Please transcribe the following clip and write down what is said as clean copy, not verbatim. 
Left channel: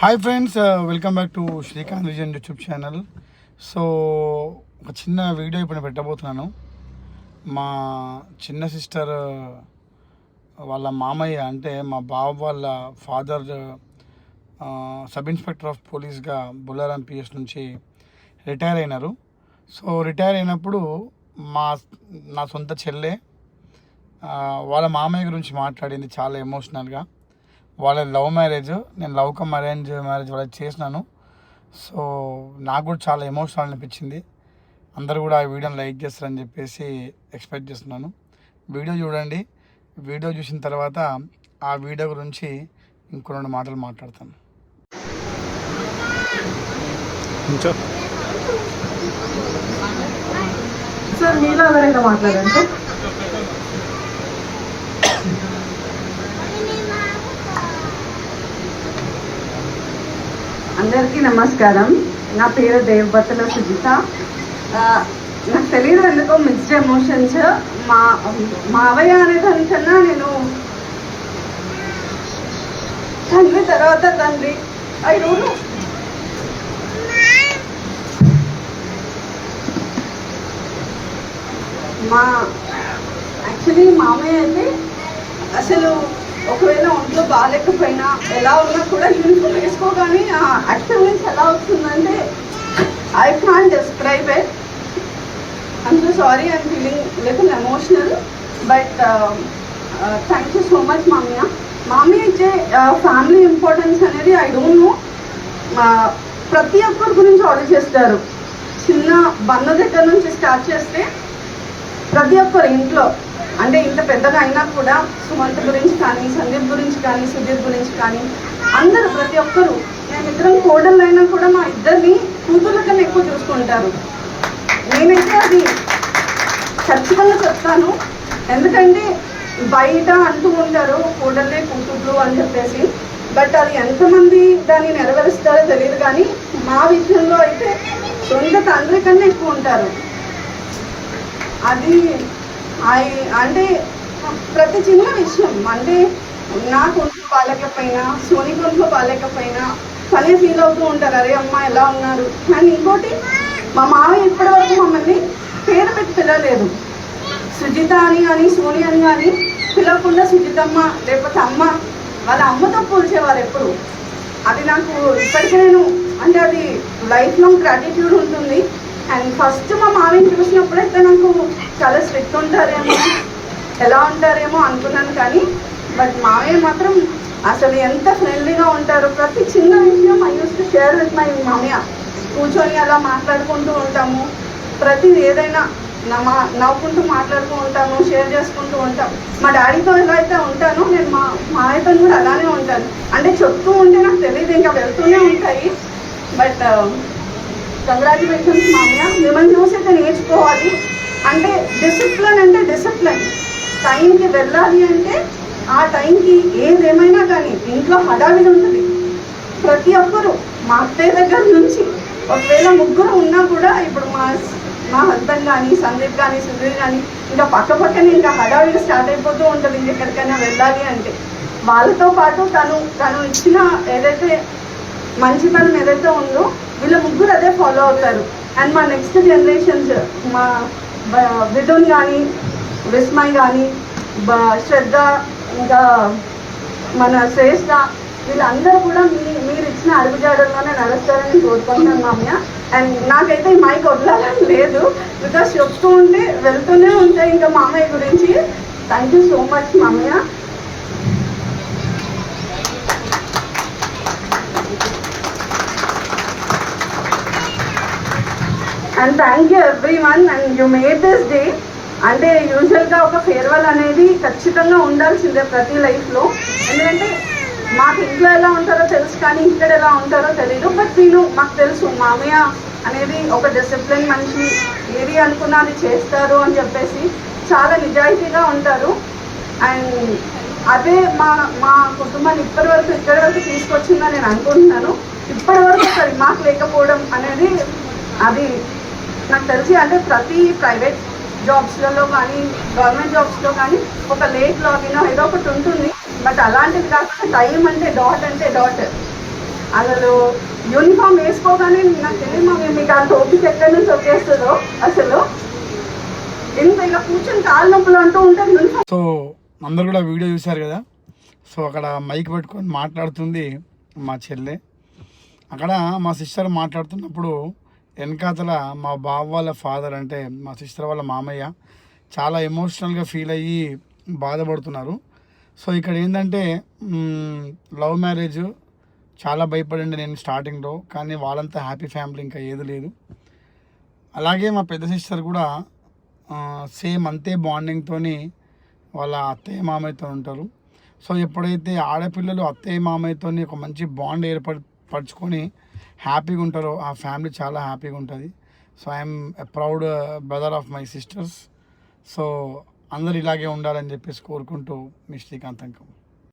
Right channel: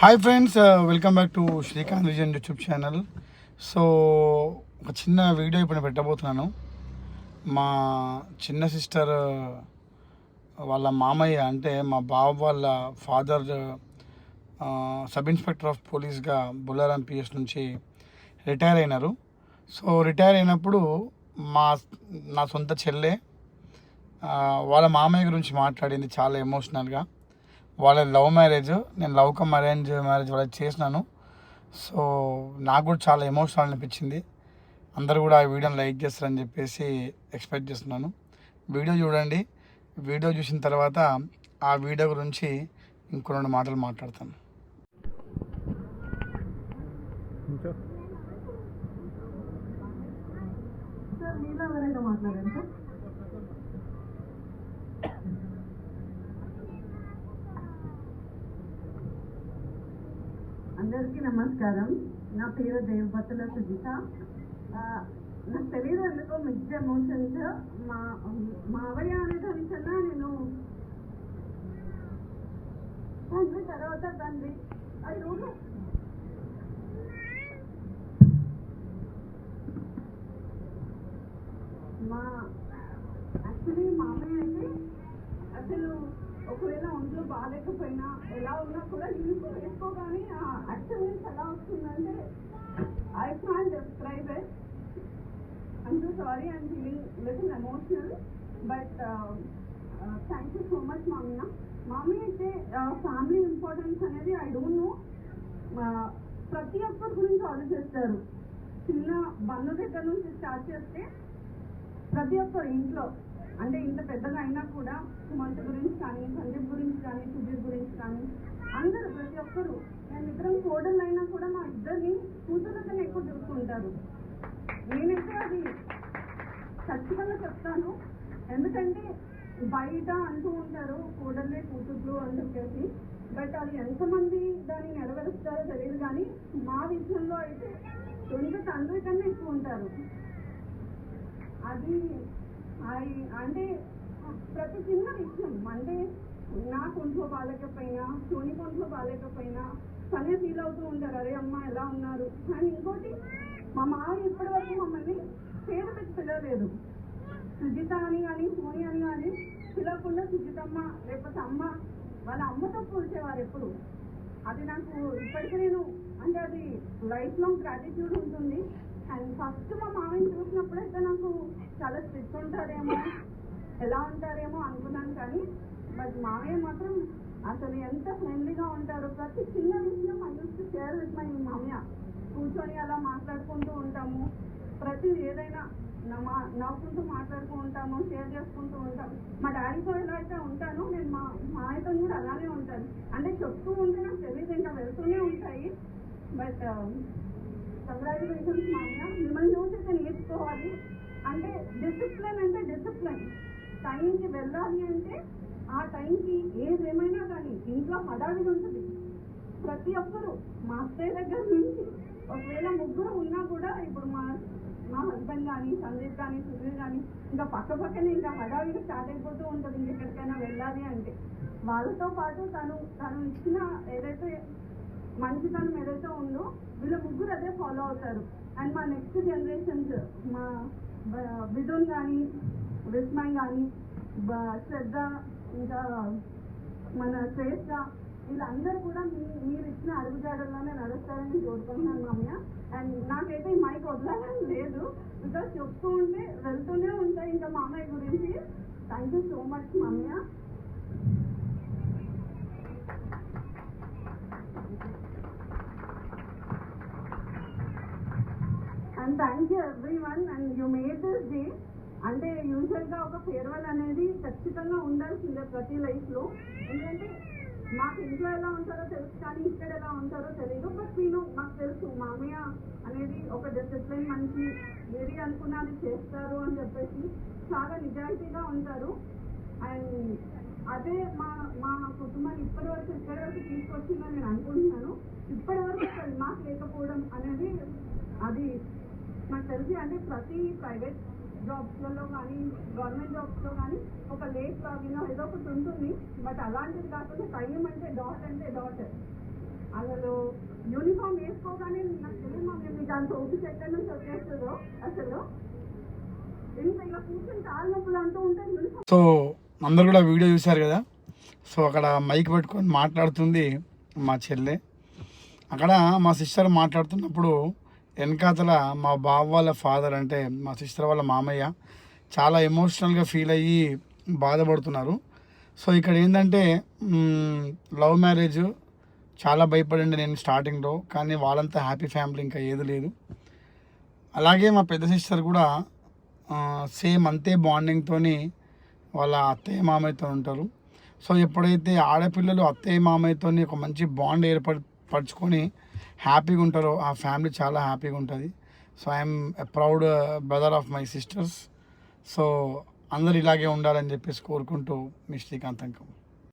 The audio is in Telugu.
Hi friends, welcome back to Srikanth vision YouTube channel. So ఒక చిన్న వీడియో ఇప్పుడు నేను పెట్టబోతున్నాను. మా చిన్న సిస్టర్ వాళ్ళ మామయ్య అంటే మా బావ వాళ్ళ ఫాదర్ సబ్ ఇన్స్పెక్టర్ ఆఫ్ పోలీస్గా బుల్లారం పిఎస్ నుంచి రిటైర్ అయినారు. సో రిటైర్ అయినప్పుడు నా సొంత చెల్లె వాళ్ళ మామయ్య గురించి మాట్లాడింది చాలా ఎమోషనల్గా. వాళ్ళ లవ్ మ్యారేజ్, నేను లవ్ కమ్ అరేంజ్ మ్యారేజ్ వాళ్ళకి చేసినాను. సో నాకు కూడా చాలా ఎమోషనల్ అనిపించింది. అందరూ కూడా ఆ వీడియోని లైక్ చేస్తారని చెప్పేసి ఎక్స్పెక్ట్ చేస్తున్నాను. వీడియో చూడండి. వీడియో చూసిన తర్వాత ఆ వీడియో గురించి ఇంకో 2 మాటలు మాట్లాడతాను. సార్ మీలో ఎవరైనా మాట్లాడండి. అందరికీ నమస్కారం. నా పేరు దేవబత్తుల సుజిత. నాకు తెలియదు ఎందుకో మిక్స్డ్ ఎమోషన్స్. మావయ్య అనే దానికన్నా నేను తండ్రి తర్వాత తండ్రి. I don't know. యాక్చువల్లీ మామయ్య అయితే అసలు ఒకవేళ ఒంట్లో బాగాలేకపోయినా ఎలా ఉన్నా కూడా యూనిఫామ్ వేసుకోగానే ఆ యాక్టివ్నెస్ ఎలా వస్తుందంటే I can't describe it. I'm so sorry, I'm feeling little emotional. But thank you so much మామయ్య. మామయ్య ఇచ్చే ఫ్యామిలీ ఇంపార్టెన్స్ అనేది ఐ డోంట్ నో. ప్రతి ఒక్కరి గురించి ఆర్డర్ చేస్తారు. చిన్న బంధ దగ్గర నుంచి స్టార్ట్ చేస్తే ప్రతి ఒక్కరు ఇంట్లో, అంటే ఇంత పెద్దగా అయినా కూడా సుమంత్ గురించి కానీ, సందీప్ గురించి కానీ, సుధీర్ గురించి కానీ అందరూ ప్రతి ఒక్కరు, మేమిద్దరం కోడళ్ళు అయినా కూడా మా ఇద్దరిని కూతుర్ల కన్నా ఎక్కువ చూసుకుంటారు. నేనైతే అది ఖచ్చితంగా చెప్తాను. ఎందుకంటే బయట అంటూ ఉంటారు కోడళ్ళే కూతుర్లు అని చెప్పేసి. బట్ అది ఎంతమంది దాన్ని నెరవేరుస్తారో తెలియదు. కానీ మా విషయంలో అయితే సొంత తండ్రి కన్నా ఎక్కువ ఉంటారు. అది అంటే ప్రతి చిన్న విషయం, అంటే నాకు ఒంట్లో బాగాలేకపోయినా, సోనికి ఒంట్లో బాగాలేకపోయినా తనే ఫీల్ అవుతూ ఉంటారు, అరే అమ్మ ఎలా ఉన్నారు. కానీ ఇంకోటి, మా మామయ్య ఇప్పటివరకు మమ్మల్ని పేరు పెట్టి పిలవలేదు. సుజిత అని కానీ సోని అని కానీ పిలవకుండా సుజితమ్మ లేకపోతే అమ్మ, వాళ్ళ అమ్మతో పోల్చేవారు ఎప్పుడు. అది నాకు ఇప్పటికీ అంటే అది లైఫ్ లాంగ్ గ్రాటిట్యూడ్ ఉంటుంది. అండ్ ఫస్ట్ మా మామయ్యని చూసినప్పుడైతే నాకు చాలా స్ట్రిక్ట్ ఉంటారేమో, ఎలా ఉంటారేమో అనుకున్నాను. కానీ బట్ మామయ్య మాత్రం అసలు ఎంత ఫ్రెండ్లీగా ఉంటారు. ప్రతి చిన్న విషయం I use to share with my మామయ్య. కూర్చొని అలా మాట్లాడుకుంటూ ఉంటాము. ప్రతిది ఏదైనా నవ్వుకుంటూ మాట్లాడుతూ ఉంటాము, షేర్ చేసుకుంటూ ఉంటాం. మా డాడీతో ఎలా అయితే ఉంటానో నేను మా మామయ్యతో కూడా అలానే ఉంటాను. అంటే చెప్తూ ఉంటే నాకు తెలియదు, ఇంకా వెళ్తూనే ఉంటాయి. బట్ కంగ్రాచులేషన్స్ మామయ్య. మిమ్మల్ని చూసి అయితే నేర్చుకోవాలి. అంటే డిసిప్లిన్ అంటే డిసిప్లిన్. టైంకి వెళ్ళాలి అంటే ఆ టైంకి ఏదేమైనా కానీ ఇంట్లో హడావిడి ఉంటుంది. ప్రతి ఒక్కరు, మా అత్తయ్య దగ్గర నుంచి ఒకవేళ ముగ్గురు ఉన్నా కూడా ఇప్పుడు మా హస్బెండ్ కానీ, సందీప్ కానీ, సుధీర్ కానీ ఇంకా పక్కనే ఇంకా హడావిడి స్టార్ట్ అయిపోతూ ఉంటుంది. ఇంకెక్కడికైనా వెళ్ళాలి అంటే వాళ్ళతో పాటు తను ఇచ్చిన ఏదైతే మంచితనం ఏదైతే ఉందో వీళ్ళ ముగ్గురు అదే ఫాలో అవుతారు. అండ్ మా నెక్స్ట్ జనరేషన్స్, మా విధున్ కానీ, విస్మయ్ కానీ, శ్రద్ధ, ఇంకా మన శ్రేష్ఠ, వీళ్ళందరూ కూడా మీరు ఇచ్చిన అడుగుజాడల్లోనే నడుస్తారని కోరుకుంటున్నాను మామయ్య. అండ్ నాకైతే ఈ మైక్ వదలాలని లేదు, బికాస్ చెప్తూ ఉంటే వెళ్తూనే ఉంటాయి ఇంకా మామయ్య గురించి. థ్యాంక్ యూ సో మచ్ మామయ్య. And thank you every one. And you made this day. అంటే యూజువల్గా ఒక ఫేర్వెల్ అనేది ఖచ్చితంగా ఉండాల్సిందే ప్రతి లైఫ్లో. ఎందుకంటే మాకు ఇంట్లో ఎలా ఉంటారో తెలుసు, కానీ ఇక్కడ ఎలా ఉంటారో తెలీదు. బట్ మాకు తెలుసు మామయ్య అనేది ఒక డిసిప్లిన్ మనిషి, ఏది అనుకున్నా అది చేస్తారు అని చెప్పేసి చాలా నిజాయితీగా ఉంటారు. అండ్ అదే మా కుటుంబాన్ని ఇప్పటి వరకు ఇక్కడి వరకు తీసుకొచ్చిందని నేను అనుకుంటున్నాను. ఇప్పటి వరకు ఒక రిమార్క్ లేకపోవడం అనేది అది నాకు తెలిసి, అంటే ప్రతి ప్రైవేట్ జాబ్స్లలో కానీ గవర్నమెంట్ జాబ్స్లో కానీ ఒక లేట్ లాగిన్ ఏదో ఒకటి ఉంటుంది. బట్ అలాంటిది కాకుండా టైం అంటే డాట్ అసలు యూనిఫామ్ వేసుకోగానే నాకు తెలియదు మమ్మీ మీకు అంత ఓపిక ఎక్కడి నుంచి వచ్చేస్తుందో అసలు ఇంత ఇలా కూర్చొని కాళ్ళ నొప్పులు అంటూ ఉంటారు యూనిఫామ్. సో అందరు కూడా వీడియో చూశారు కదా. సో అక్కడ మైక్ పెట్టుకొని మాట్లాడుతుంది మా చెల్లె. అక్కడ మా సిస్టర్ మాట్లాడుతున్నప్పుడు వెనకాతల మా బావ వాళ్ళ ఫాదర్ అంటే మా సిస్టర్ వాళ్ళ మామయ్య చాలా ఎమోషనల్గా ఫీల్ అయ్యి బాధపడుతున్నారు. సో ఇక్కడ ఏంటంటే లవ్ మ్యారేజ్ చాలా భయపడండి నేను స్టార్టింగ్లో, కానీ వాళ్ళంతా హ్యాపీ ఫ్యామిలీ ఇంకా ఏది లేదు. అలాగే మా పెద్ద సిస్టర్ కూడా సేమ్ అంతే బాండింగ్తో వాళ్ళ అత్తయ్య మామయ్యతో ఉంటారు. సో ఎప్పుడైతే ఆడపిల్లలు అత్తయ్య మామయ్యతో ఒక మంచి బాండ్ పరుచుకొని హ్యాపీగా ఉంటారో ఆ ఫ్యామిలీ చాలా హ్యాపీగా ఉంటుంది. So I'm a proud brother of my sisters. So అందరు ఇలాగే ఉండాలని చెప్పేసి కోరుకుంటూ మీ శ్రీకాంత్ అంకం.